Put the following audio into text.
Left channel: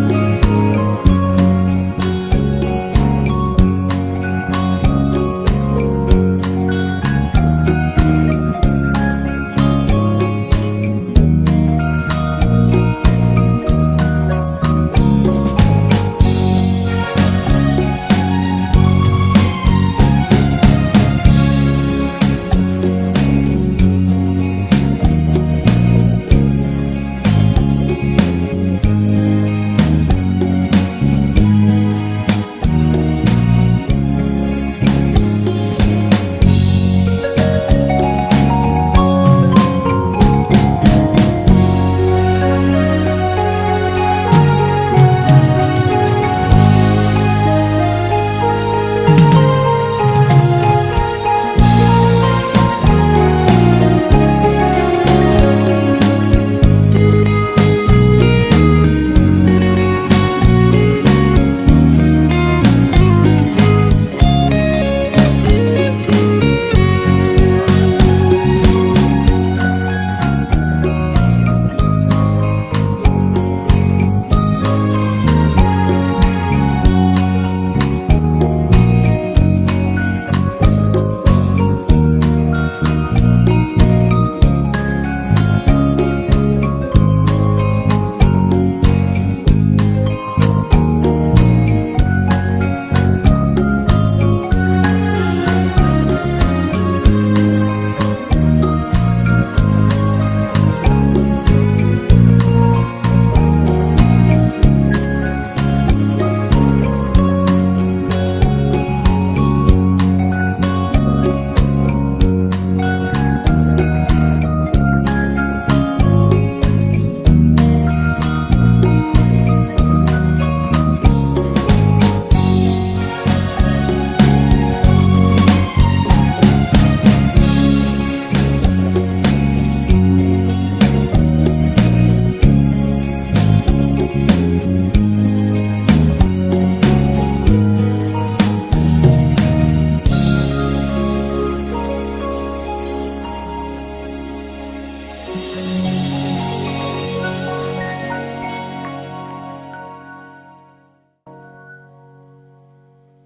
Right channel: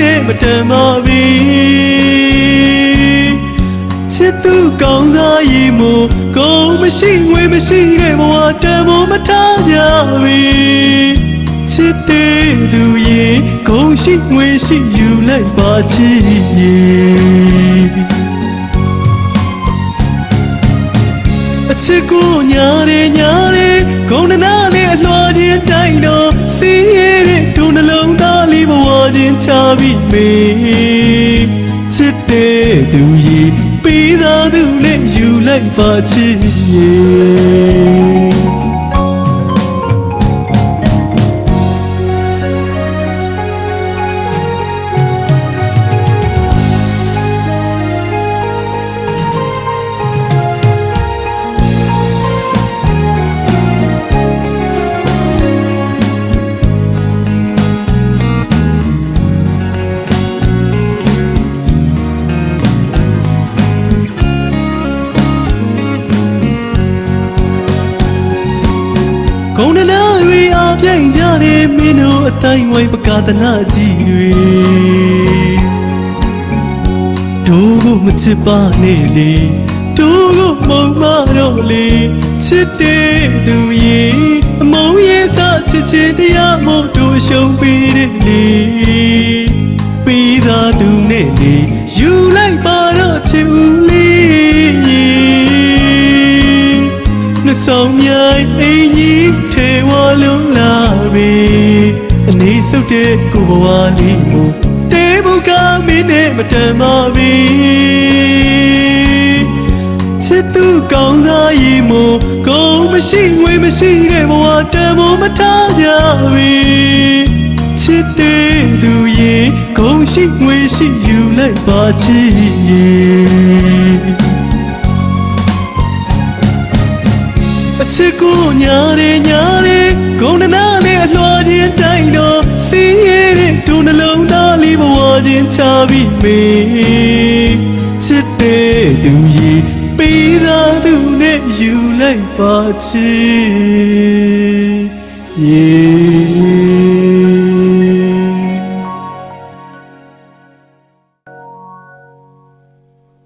နဲ့မတန်ပါပြီချစ်သူကောင်းစားရည်မို့ကိုမရှိဝေမရှိတဲ့ဘဝတန်ဖို့မထားကြပြီချစ်တဲ့လူရဲ့ဂုဏ်ရှိဝေရှိယူလိုက်ပါချစ်အချစ်ကိုညာရဲညာရဲဂုဏ်နာနဲ့အလွှာချင်းတိုင်းတော့စီးရဲတဲ့ဒုနှလုံးသားလေးဘဝချင်းချပြီးမေချစ်တဲ့သူရဲ့ပြီးသားသူနဲ့ယူလိုက်ပါချစ်တိုင်းဝိုင်းပကာသနာကြီးတွေတို့ကိုမချစ်ပါနဲ့လေတို့ကိုပုံမတော့လေချစ်တဲ့သူရဲ့အမုန်းရဲ့စားချစ်ချစ်တရားမို့တို့ရှုံးပေးတဲ့လေပြီးသားသူနဲ့လေယူလိုက်ပါတော့ချစ်ဦးလေးနှဆောင်မြိုင်အင်းကြီးထေဝါလုံးလာပြီတဲ့ကိုဘဝလေးတေဘုကမင်းနဲ့မတန်ပါပြီချစ်သူကောင်းစားရည်မို့ကိုမရှိဝေမရှိတဲ့ဘဝတန်ဖို့မထားကြပြီချစ်တဲ့သူရဲ့ဂုဏ်ရှိဝေရှိယူလိုက်ပါချစ်အချစ်ကိုညာရဲညာရဲဂုဏနာနဲ့အလွှာချင်းတိုင်းတော့ချပြီးမေချစ်တဲ့သူရဲ့ပြီးသားသူနဲ့ယူလိုက်ပါချစ်